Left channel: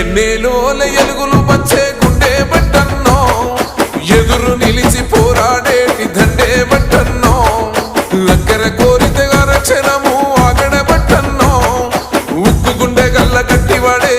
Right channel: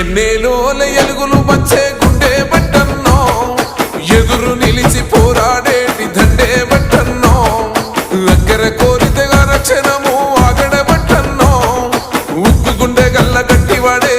ఎన్నేలోల ఎలుగులు వచ్చే గుండె బట్టన్నో ఎదురు నిలిచి పోరాడేటి దండే బట్టన్నో అక్కర కోరితగా రక్షణము ఆగడ బట్టన్నో ఉక్కు గుండె గల్ల గట్టివాడే